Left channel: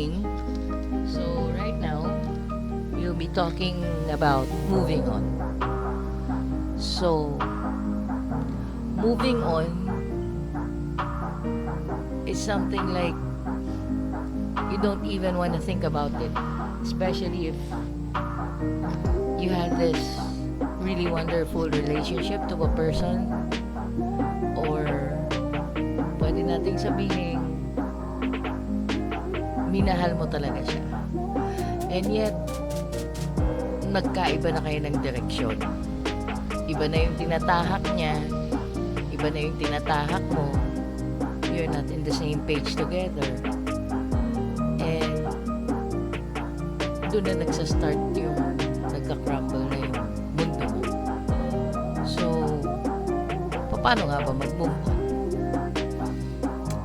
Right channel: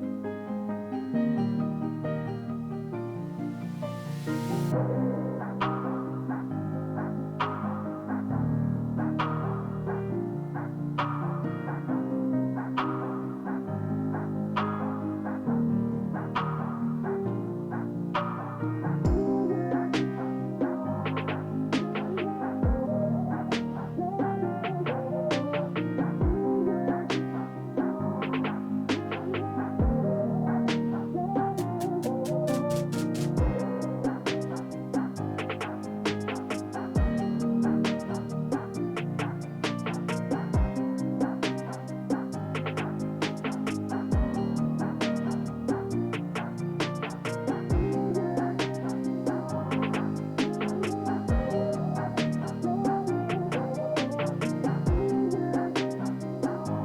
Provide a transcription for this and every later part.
morning. So right now, we'll be talking about moving on. So, moving on is something like you don't even want to think about it, especially if you had this really wonderful relationship to a person, or pwede nating sabihin minahal mo talaga siya, and yet nagkaiba na kayo ng direksyon. Iba na yung tinatahak niya, iba na yung tinatahak mo. You're not in the same page together, and doon na nagsastart yung nagka-crumble na yung mundo mo. So, paano nga ba mag-move on?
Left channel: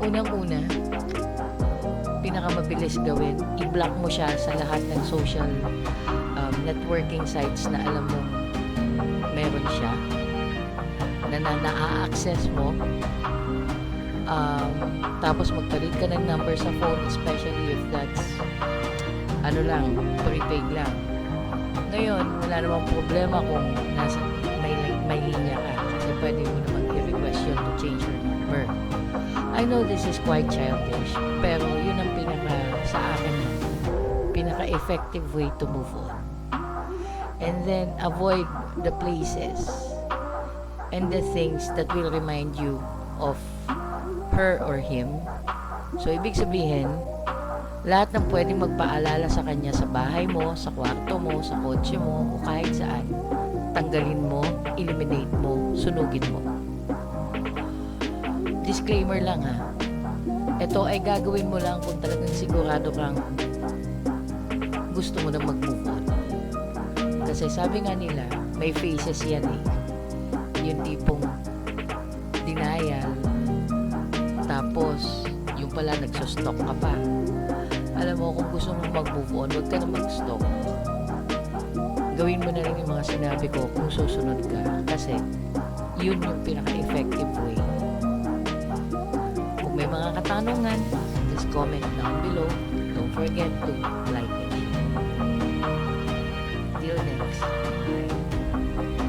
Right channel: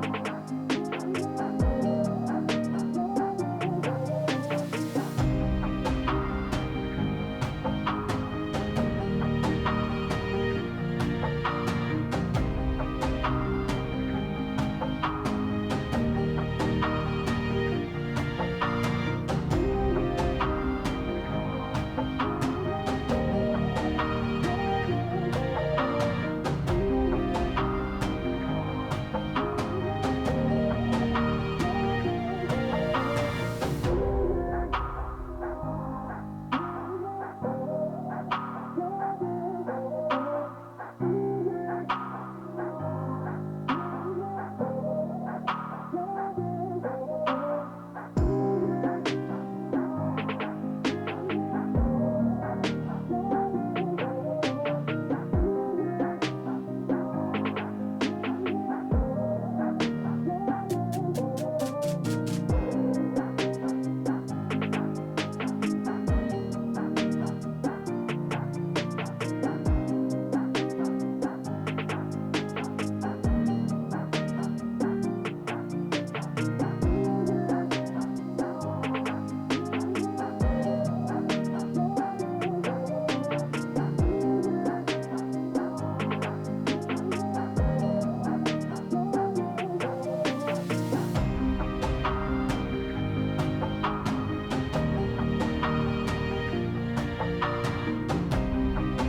Unang-una, pinakamabilis gawin, i-block mo siya sa lahat ng social networking sites na alam mo meron siya, na na-access mo. Tapos magpalit ka ng number sa phone, especially if that's prepaid lang. Ngayon, wala namang problema kung may linya ka, so pwede mo naman i-request yun to change your number. I know this is quite childish, pero yun ang sa akin, pinaka-effective way to move on. And then avoid the places and the things that will remind you of her or him. So, ibig sabihin, lahat ng pwedeng magpaalala sa kanya sa bahay mo, sa kwarto mo, sa kotse mo, o kahit saan, tanggalin mo, eliminate mo, sunugin mo. Disclaimer lang ha, ito ay gagawin mo lang kung talagang sigurado kang gusto mo na mag-move on. Kasi sabi nga nila, may phases yan eh.